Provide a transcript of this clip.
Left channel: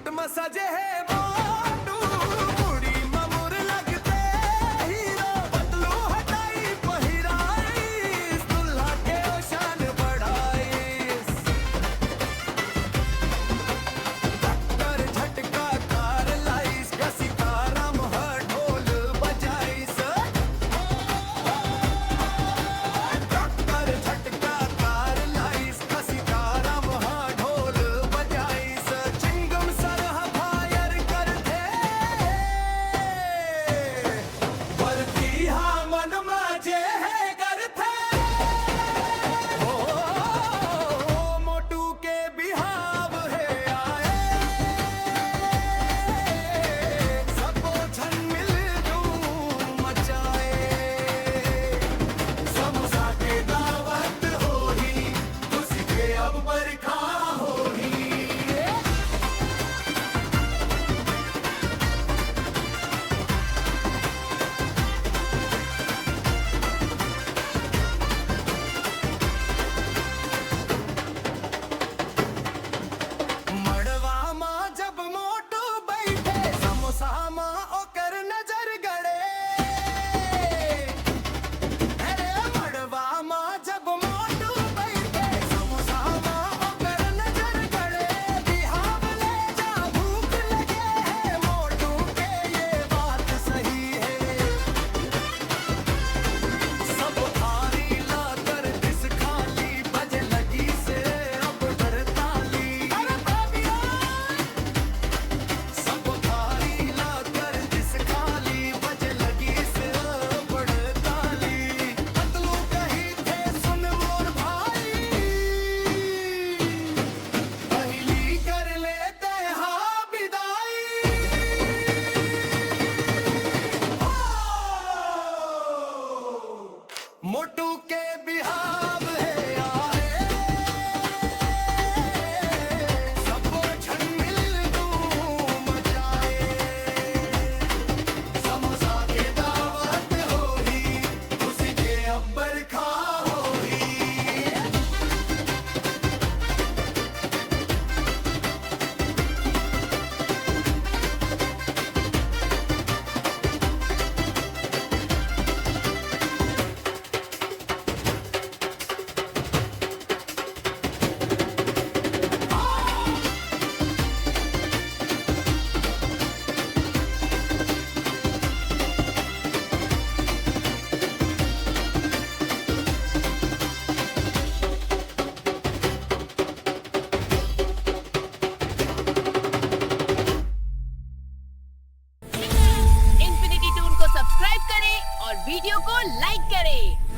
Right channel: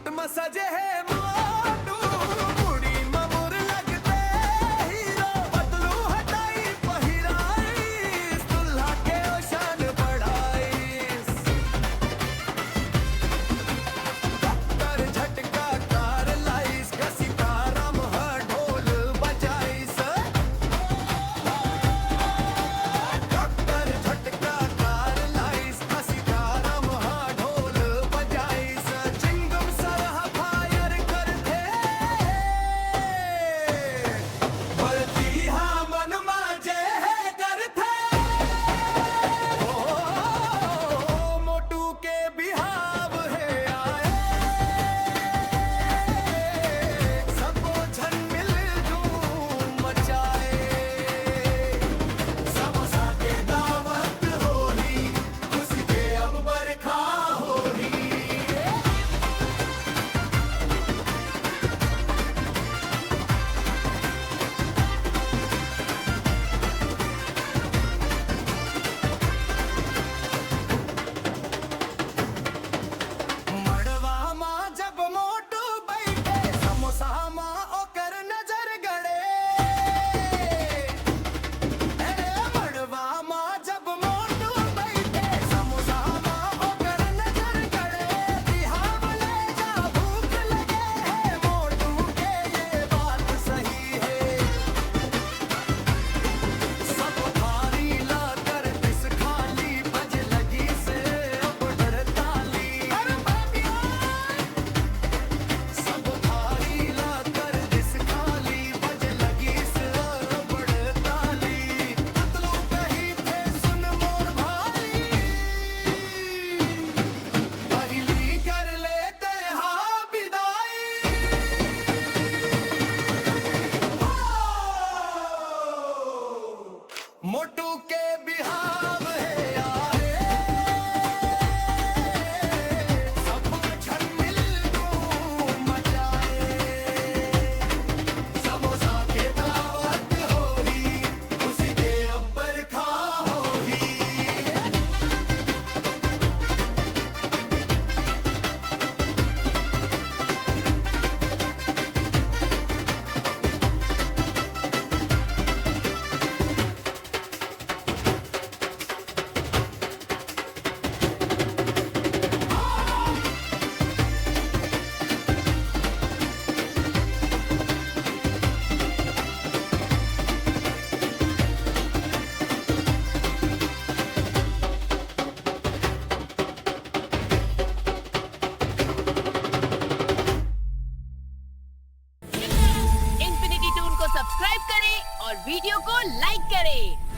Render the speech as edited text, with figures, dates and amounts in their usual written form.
Suit में सजे है मोटू, मुड़ी में मुर लगते हीरो, पतलू हटाई पहिराईस, दुल्हा के ओशान बढ़ाईस। टक्कर झटका कार लाईस, कसी तारम ह ढोल बजाईस। टक्कर झटका कार लाईस, कसी तारम ह ढोल बजाईस। चिंगम सरह फायर करथे, भरती हा मन माजे है करथे। ओ मोटू के बिहाव है आए, सबो झन मिल धूम मचाए। समोसा के दावत होही, खुशी के अब बरखा होही। मड़वा माँ जब मोटू बैठे, समोसा माँ ओकर नजर गड़े। अरे मड़वा माँ जब मोटू बैठे, समोसा माँ ओकर नजर गड़े। बिहाव ले जा भूख लगे है, मोटू के ये बात सही है। सब थारी ला कर दिस खाली, बजे लगी से अब डर ताली। अरे बाबिया, सब थारी ला कर दिस खाली, बजे लगी से अब डर ताली। पतलू कही थे सुन मोर भाई, पहली कर लेते हाँ विदाई। मोटू के बिहाव है आए, सबो झन मिल धूम मचाए। समोसा के दावत होही, उसी के अब बरखा होही। इन्फिनिटी टून को सब्सक्राइब करें और वीडियो को लाइक करें।